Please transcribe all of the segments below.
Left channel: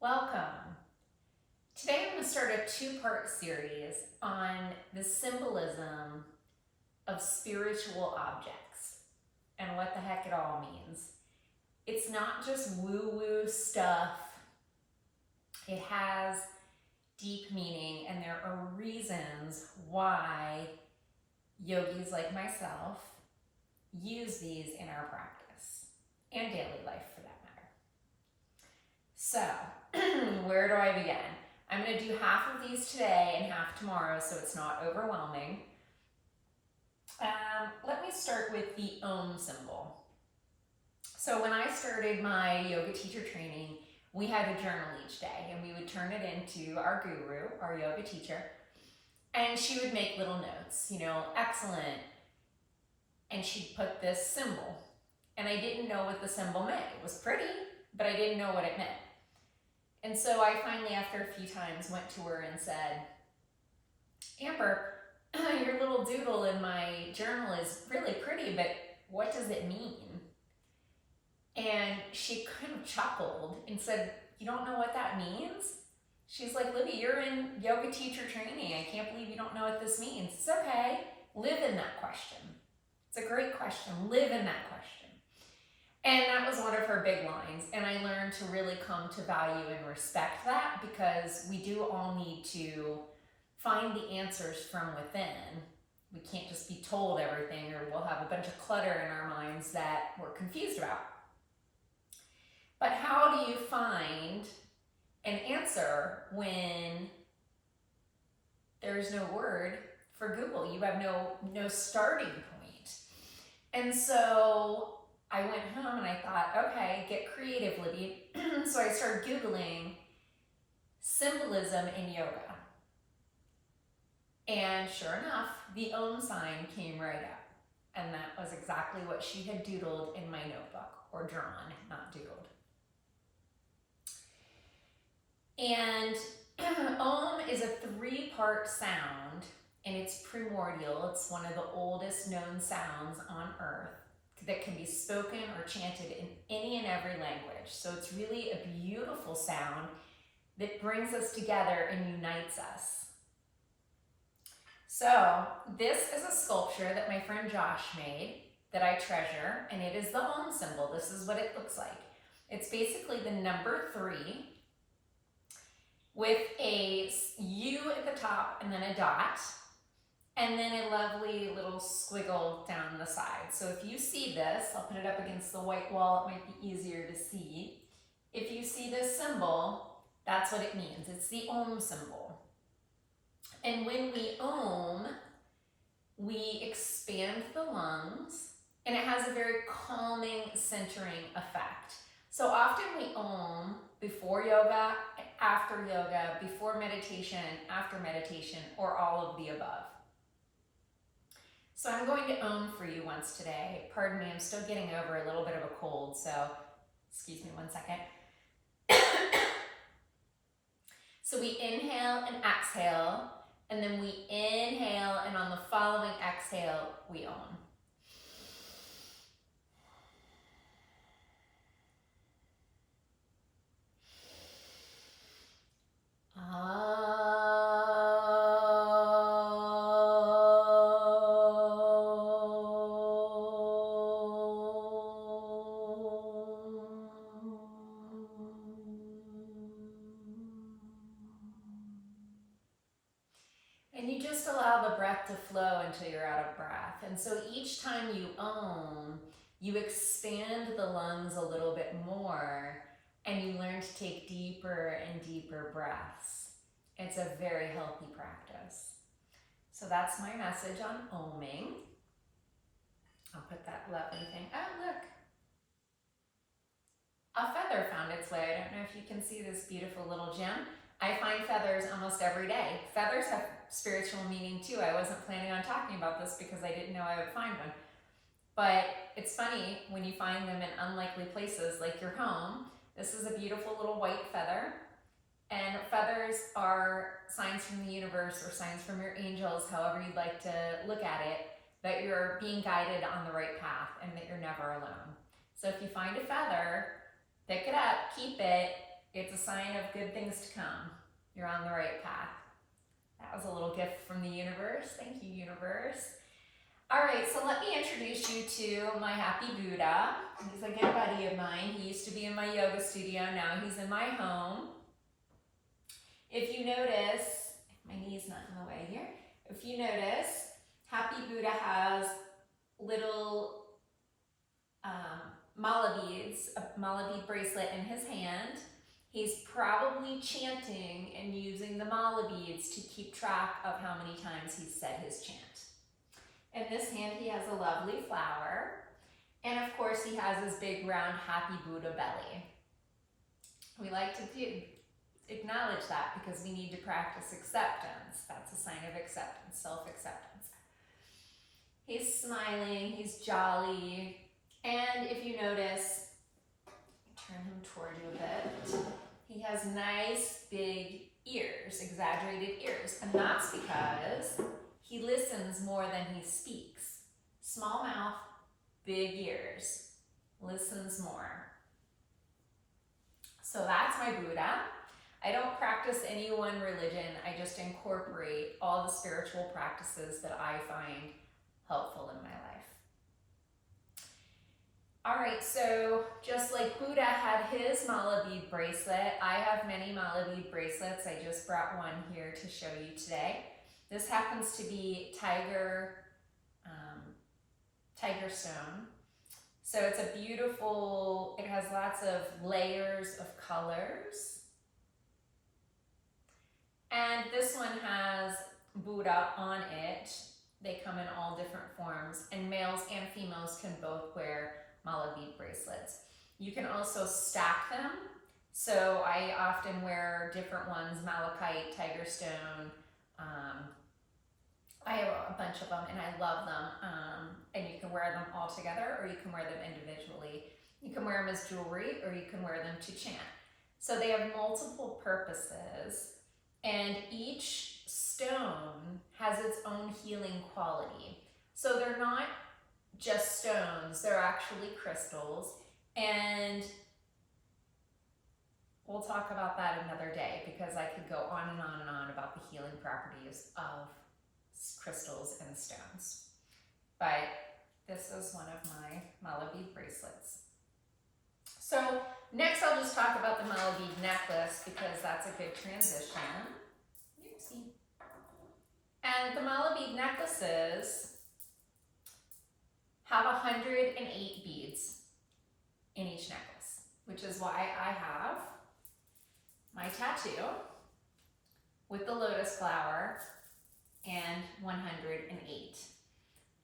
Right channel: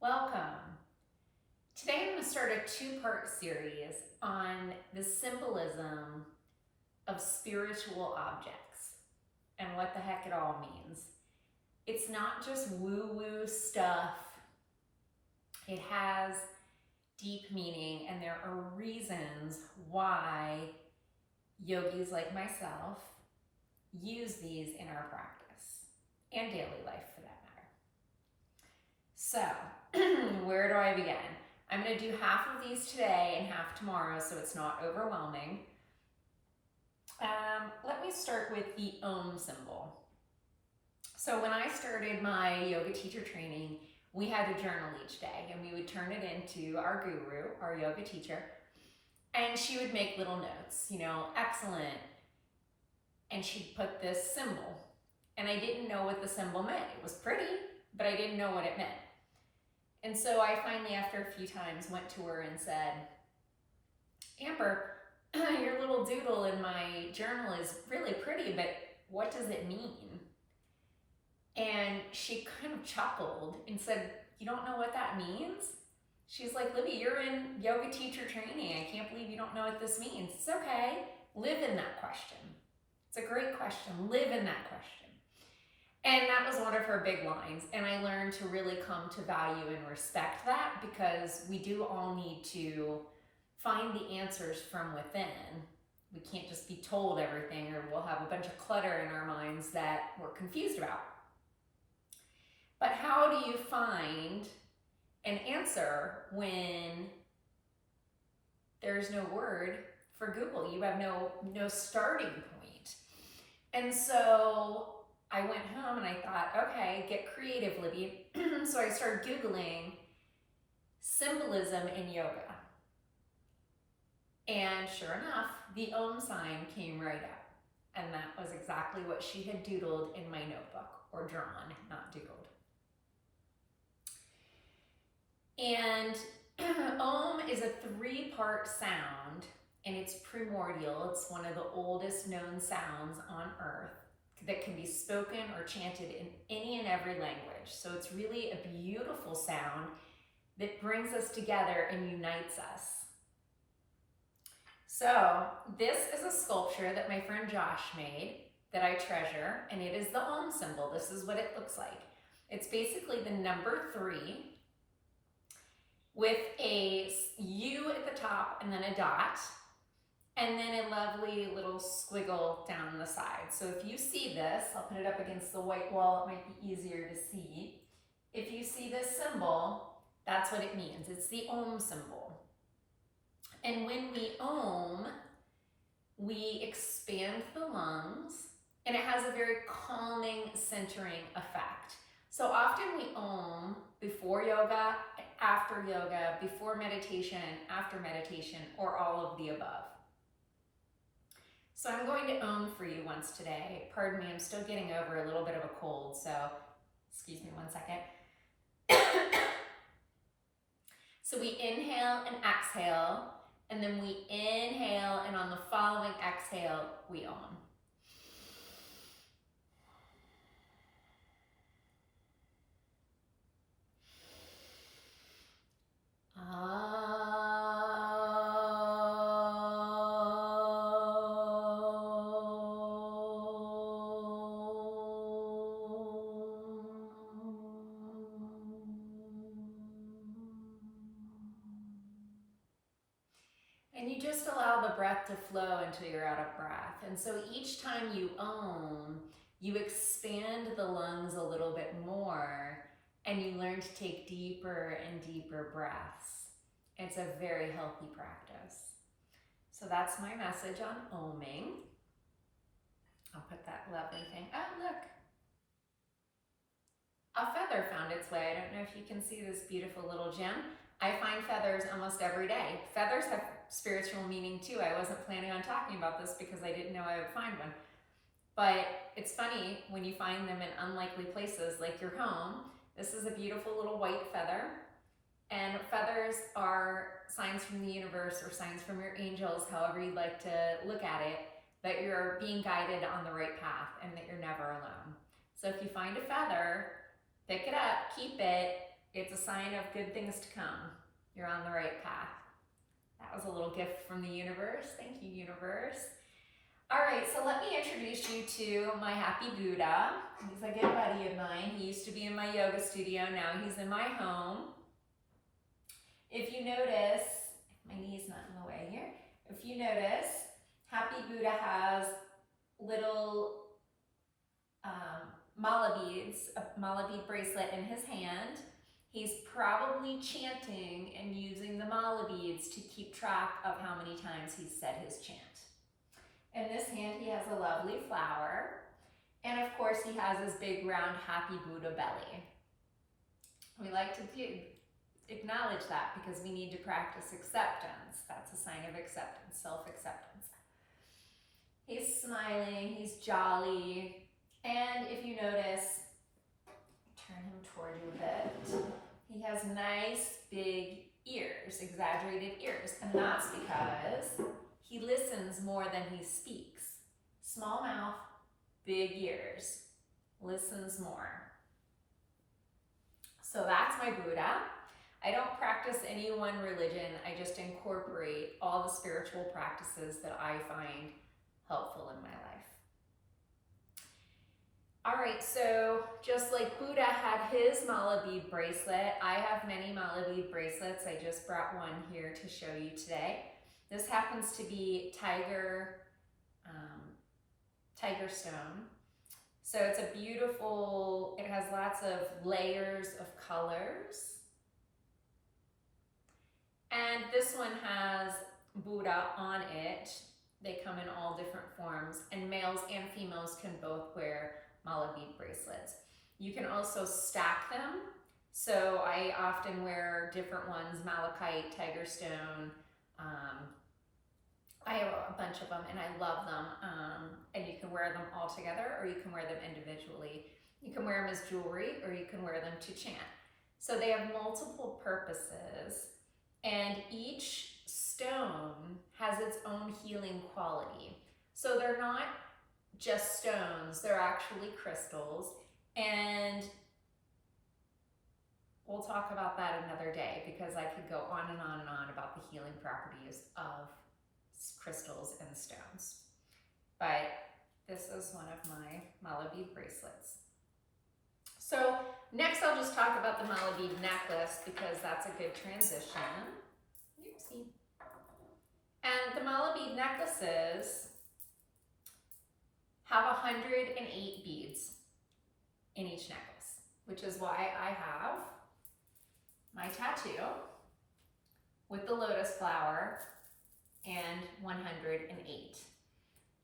Welcome. Today I'm going to start a two-part series on the symbolism of spiritual objects and what the heck it all means. It's not just woo-woo stuff. It has deep meaning, and there are reasons why yogis like myself use these in our practice and daily life for that matter. So, where do I begin? I'm going to do half of these today and half tomorrow so it's not overwhelming. Let me start with the Om symbol. So when I started my yoga teacher training, we had a journal each day and we would turn it into our guru, our yoga teacher, and she would make little notes, excellent, and she'd put this symbol. And I didn't know what the symbol meant. It was pretty, but I didn't know what it meant. And so I finally, after a few times, went to her and said, Amber, your little doodle in my journal is really pretty, but what does it mean? And she kind of chuckled and said, you don't know what that means? She's like, Libby, you're in yoga teacher training. I can't believe you don't know what this means. It's okay. Live in that question. It's a great question. Live in that question. And that was one of her big lines. And I learned to really come to value and respect that, because we do all need to find the answers from within. We can't just be told everything, or we'll have a bunch of clutter in our minds that we're confused about. But how do you find an answer when there's no word for Google? You have no starting point. And so I went home and I thought, okay, get creative, Libby. So I started Googling symbolism in yoga. And sure enough, the Om sign came right up. And that was exactly what she had doodled in my notebook, or drawn, not doodled. And Om is a 3-part sound, and it's primordial. It's one of the oldest known sounds on earth that can be spoken or chanted in any and every language. So it's really a beautiful sound that brings us together and unites us. So this is a sculpture that my friend Josh made that I treasure, and it is the Om symbol. This is what it looks like. It's basically the number 3 with a U at the top and then a dot, and then a lovely little squiggle down the side. So if you see this, I'll put it up against the white wall, it might be easier to see. If you see this symbol, that's what it means. It's the Om symbol. And when we Om, we expand the lungs, and it has a very calming, centering effect. So often we Om before yoga, after yoga, before meditation, after meditation, or all of the above. So I'm going to Om for you once today. Pardon me, I'm still getting over a little bit of a cold, so excuse me one second. So we inhale and exhale, and then we inhale, and on the following exhale, we Om. And you just allow the breath to flow until you're out of breath. And so each time you Om, you expand the lungs a little bit more, and you learn to take deeper and deeper breaths. It's a very healthy practice. So that's my message on Oming. I'll put that lovely thing. Oh, look. A feather found its way. I don't know if you can see this beautiful little gem. I find feathers almost every day. Feathers have spiritual meaning too. I wasn't planning on talking about this because I didn't know I would find one. But it's funny when you find them in unlikely places like your home. This is a beautiful little white feather. And feathers are signs from the universe, or signs from your angels, however you'd like to look at it, that you're being guided on the right path and that you're never alone. So if you find a feather, pick it up, keep it, It's a sign of good things to come. You're on the right path. That was a little gift from the universe. Thank you, universe. All right, so let me introduce you to my happy Buddha. He's a good buddy of mine. He used to be in my yoga studio. Now he's in my home. If you notice, my knee's not in the way here. If you notice, happy Buddha has little mala beads, a mala bead bracelet in his hand. He's probably chanting and using the mala beads to keep track of how many times he's said his chant. In this hand, he has a lovely flower. And of course, he has his big, round, happy Buddha belly. We like to acknowledge that because we need to practice acceptance. That's a sign of acceptance, self-acceptance. He's smiling, he's jolly. And if you notice, turn him toward you a bit, he has nice, big ears, exaggerated ears. And that's because he listens more than he speaks. Small mouth, big ears, listens more. So that's my Buddha. I don't practice any one religion. I just incorporate all the spiritual practices that I find helpful in my life. All right, so just like Buddha had his mala bead bracelet, I have many mala bead bracelets. I just brought one here to show you today. This happens to be tiger stone. So it's a beautiful, it has lots of layers of colors. And this one has Buddha on it. They come in all different forms, and males and females can both wear mala bead bracelets. You can also stack them. So I often wear different ones, malachite, tiger stone. I have a bunch of them and I love them. And you can wear them all together or you can wear them individually. You can wear them as jewelry or you can wear them to chant. So they have multiple purposes, and each stone has its own healing quality. So they're not just stones, they're actually crystals. And we'll talk about that another day because I could go on and on and on about the healing properties of crystals and stones. But this is one of my mala bead bracelets. So next I'll just talk about the mala bead necklace because that's a good transition. Oopsie. And the mala bead necklaces have 108 beads in each necklace, which is why I have my tattoo with the lotus flower and 108.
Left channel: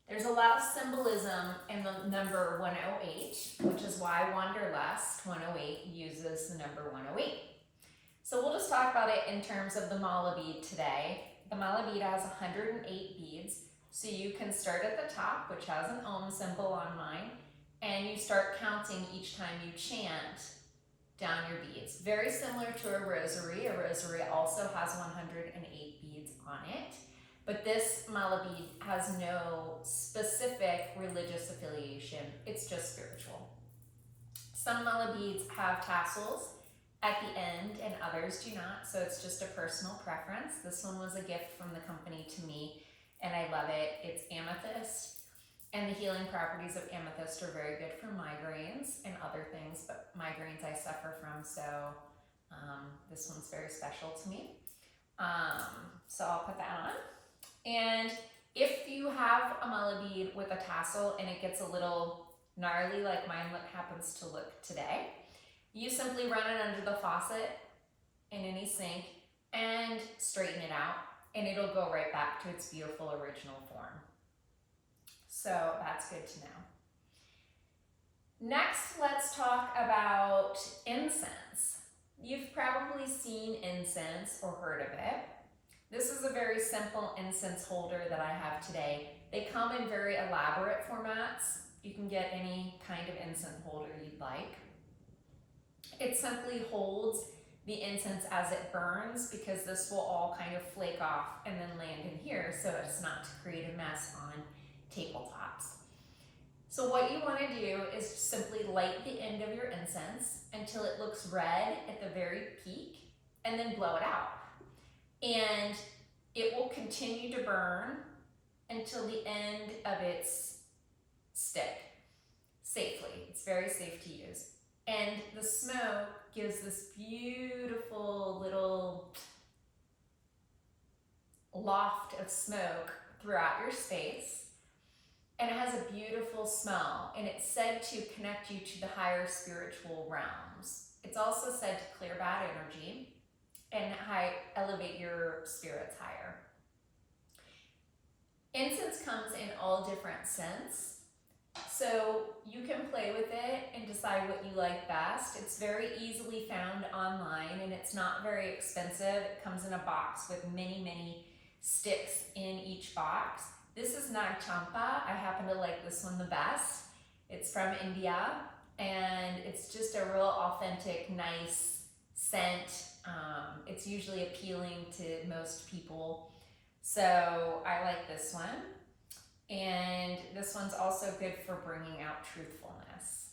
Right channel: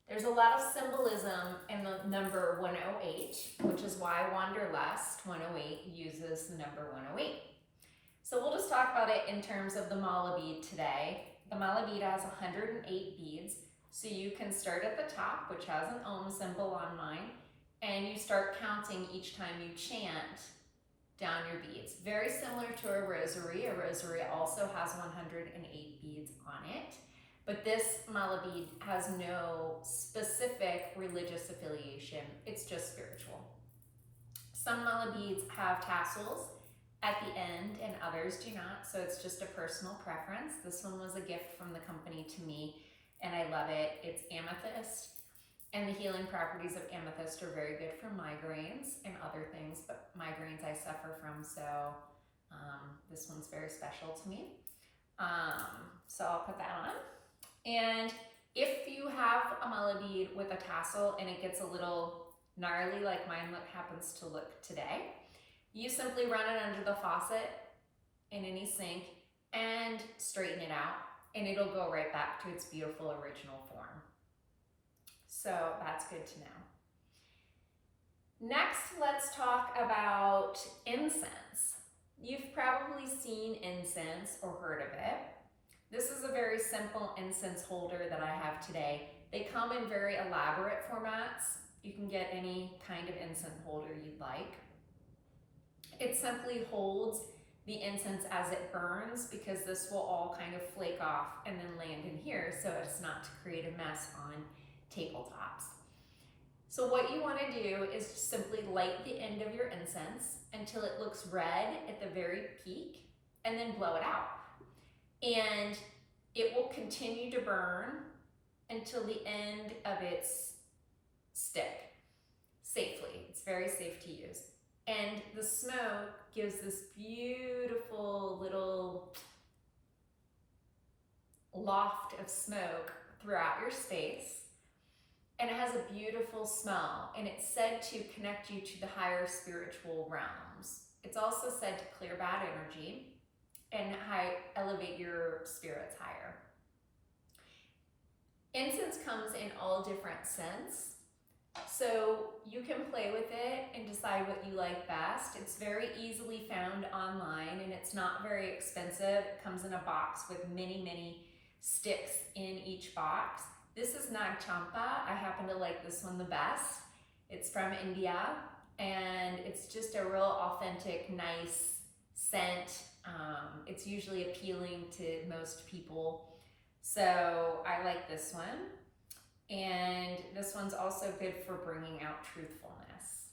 There's a lot of symbolism in the number 108, which is why Wanderlust 108 uses the number 108. So we'll just talk about it in terms of the mala bead today. The mala bead has 108 beads. So you can start at the top, which has an Om symbol on mine, and you start counting each time you chant down your beads. Very similar to a rosary. A rosary also has 108 beads on it, but this mala bead has no specific religious affiliation. It's just spiritual. Some mala beads have tassels at the end and others do not, so it's just a personal preference. This one was a gift from the company to me, and I love it. It's amethyst, and the healing properties of amethyst are very good for migraines and other things, but migraines I suffer from, so this one's very special to me. So I'll put that on. And if you have a mala bead with a tassel and it gets a little gnarly like mine happens to look today, you simply run it under the faucet in any sink and straighten it out, and it'll go right back to its beautiful original form. So that's good to know. Next, let's talk about incense. You've probably seen incense or heard of it. This is a very simple incense holder that I have today. They come in very elaborate formats. You can get any kind of incense holder you'd like. It simply holds the incense as it burns because this will all kind of flake off and then land in here so as not to create a mess on tabletops. So what you want to do is simply light the end of your incense until it looks red at the very peak, and then blow it out. And it will continue to burn until the end of its stick, safely. It's very safe to use. And the smoke gives this beautiful little loft of smoke throughout your space. And it has a beautiful smell, and it's said to connect you to the higher spiritual realms. It's also said to clear bad energy and elevate your spirits higher. Incense comes in all different scents, so you can play with it and decide what you like best. It's very easily found online, and it's not very expensive. It comes in a box with many, many sticks in each box. This is Nag Champa. I happen to like this one the best. It's from India, and it's just a real authentic, nice scent. It's usually appealing to most people. So I like this one. And this one's also good for bringing out truthfulness.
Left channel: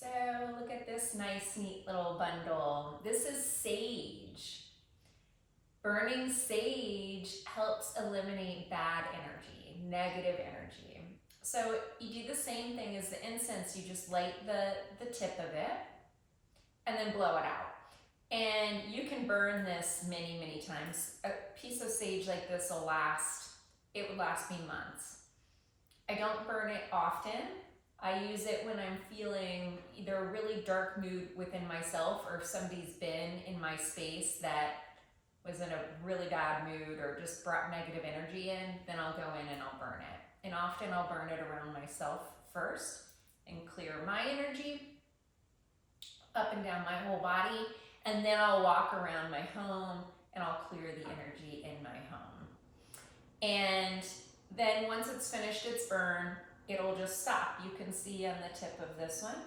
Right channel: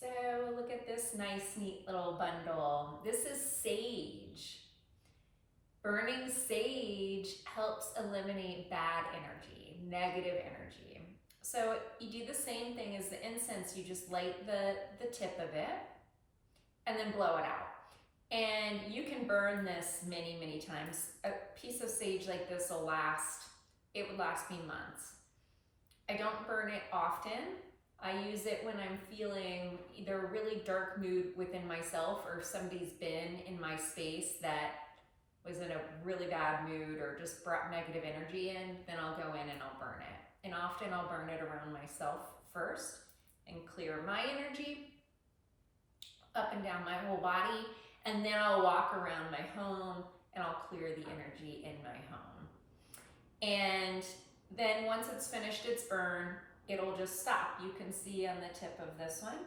So look at this nice, neat little bundle. This is sage. Burning sage helps eliminate bad energy, negative energy. So you do the same thing as the incense. You just light the tip of it and then blow it out. And you can burn this many, many times. A piece of sage like this will last, it would last me months. I don't burn it often. I use it when I'm feeling either a really dark mood within myself, or if somebody's been in my space that was in a really bad mood or just brought negative energy in, then I'll go in and I'll burn it. And often I'll burn it around myself first and clear my energy up and down my whole body. And then I'll walk around my home and I'll clear the energy in my home. And then once it's finished its burn, it'll just stop. You can see on the tip of this one,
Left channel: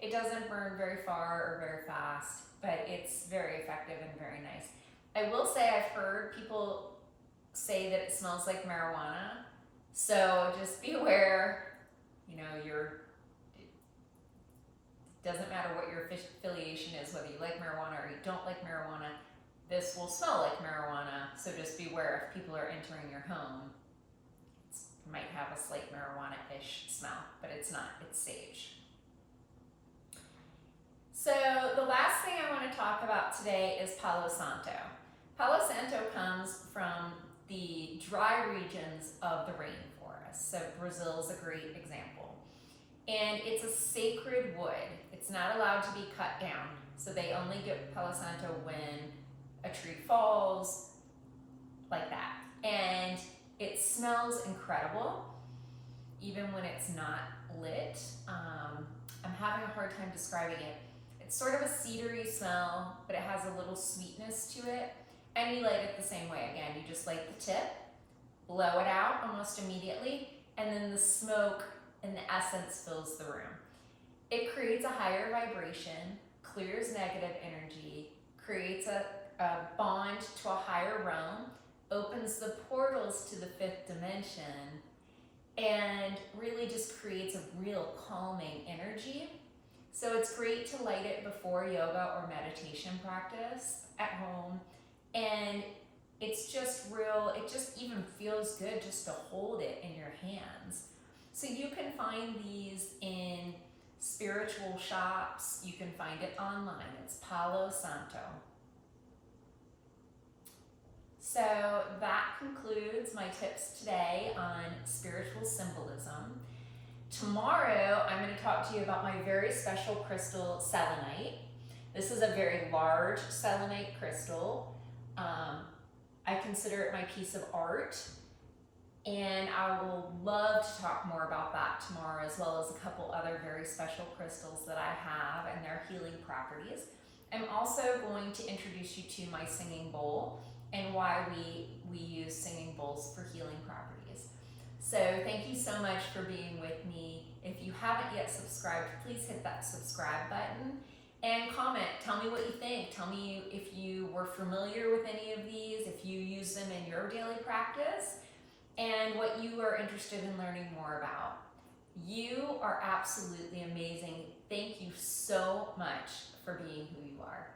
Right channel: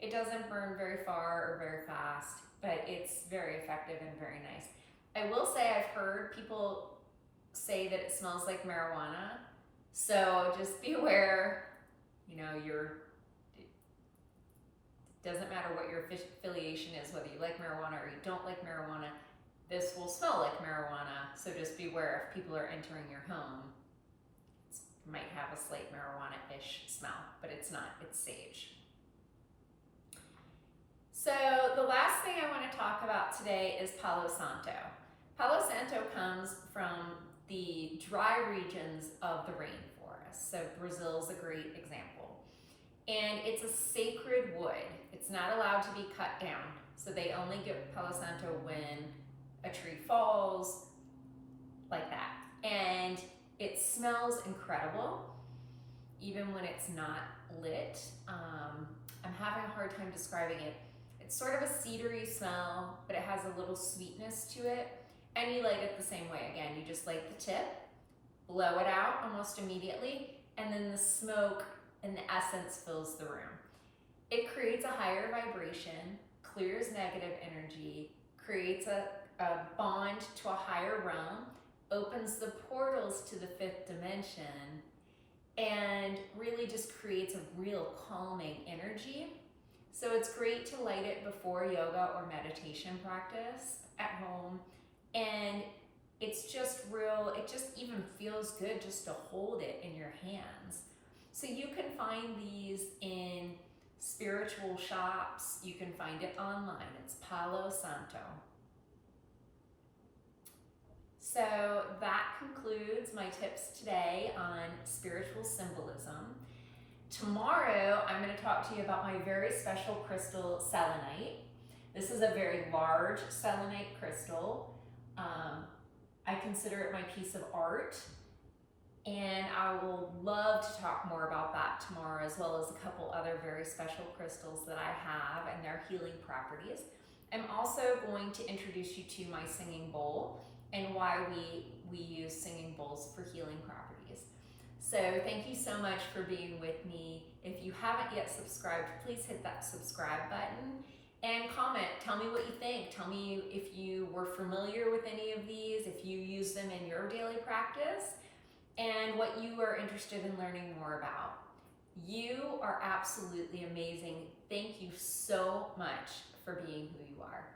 it doesn't burn very far or very fast, but it's very effective and very nice. I will say I've heard people say that it smells like marijuana. So just be aware, you know, it doesn't matter what your affiliation is, whether you like marijuana or you don't like marijuana, this will smell like marijuana. So just beware if people are entering your home, it might have a slight marijuana-ish smell, but it's not, it's sage. So the last thing I want to talk about today is Palo Santo. Palo Santo comes from the dry regions of the rainforest. So Brazil is a great example. And it's a sacred wood. It's not allowed to be cut down. So they only get Palo Santo when a tree falls, like that. And it smells incredible, even when it's not lit. I'm having a hard time describing it. It's sort of a cedary smell, but it has a little sweetness to it. And you light it the same way. Again, you just light the tip, blow it out almost immediately, and then the smoke and the essence fills the room. It creates a higher vibration, clears negative energy, creates a bond to a higher realm, opens the portals to the fifth dimension, and really just creates a real calming energy. So it's great to light it before yoga or meditation practice at home. And it's just real, it just even feels good just to hold it in your hands. So you can find these in spiritual shops. You can find it online. It's Palo Santo. So that concludes my tips today on spiritual symbolism. Tomorrow, I'm going to talk to you about my very special crystal, selenite. This is a very large selenite crystal. I consider it my piece of art, and I will love to talk more about that tomorrow, as well as a couple other very special crystals that I have and their healing properties. I'm also going to introduce you to my singing bowl and why we use singing bowls for healing properties. So thank you so much for being with me. If you haven't yet subscribed, please hit that subscribe button and comment. Tell me what you think. Tell me if you were familiar with any of these, if you use them in your daily practice, and what you are interested in learning more about. You are absolutely amazing. Thank you so much for being who you are.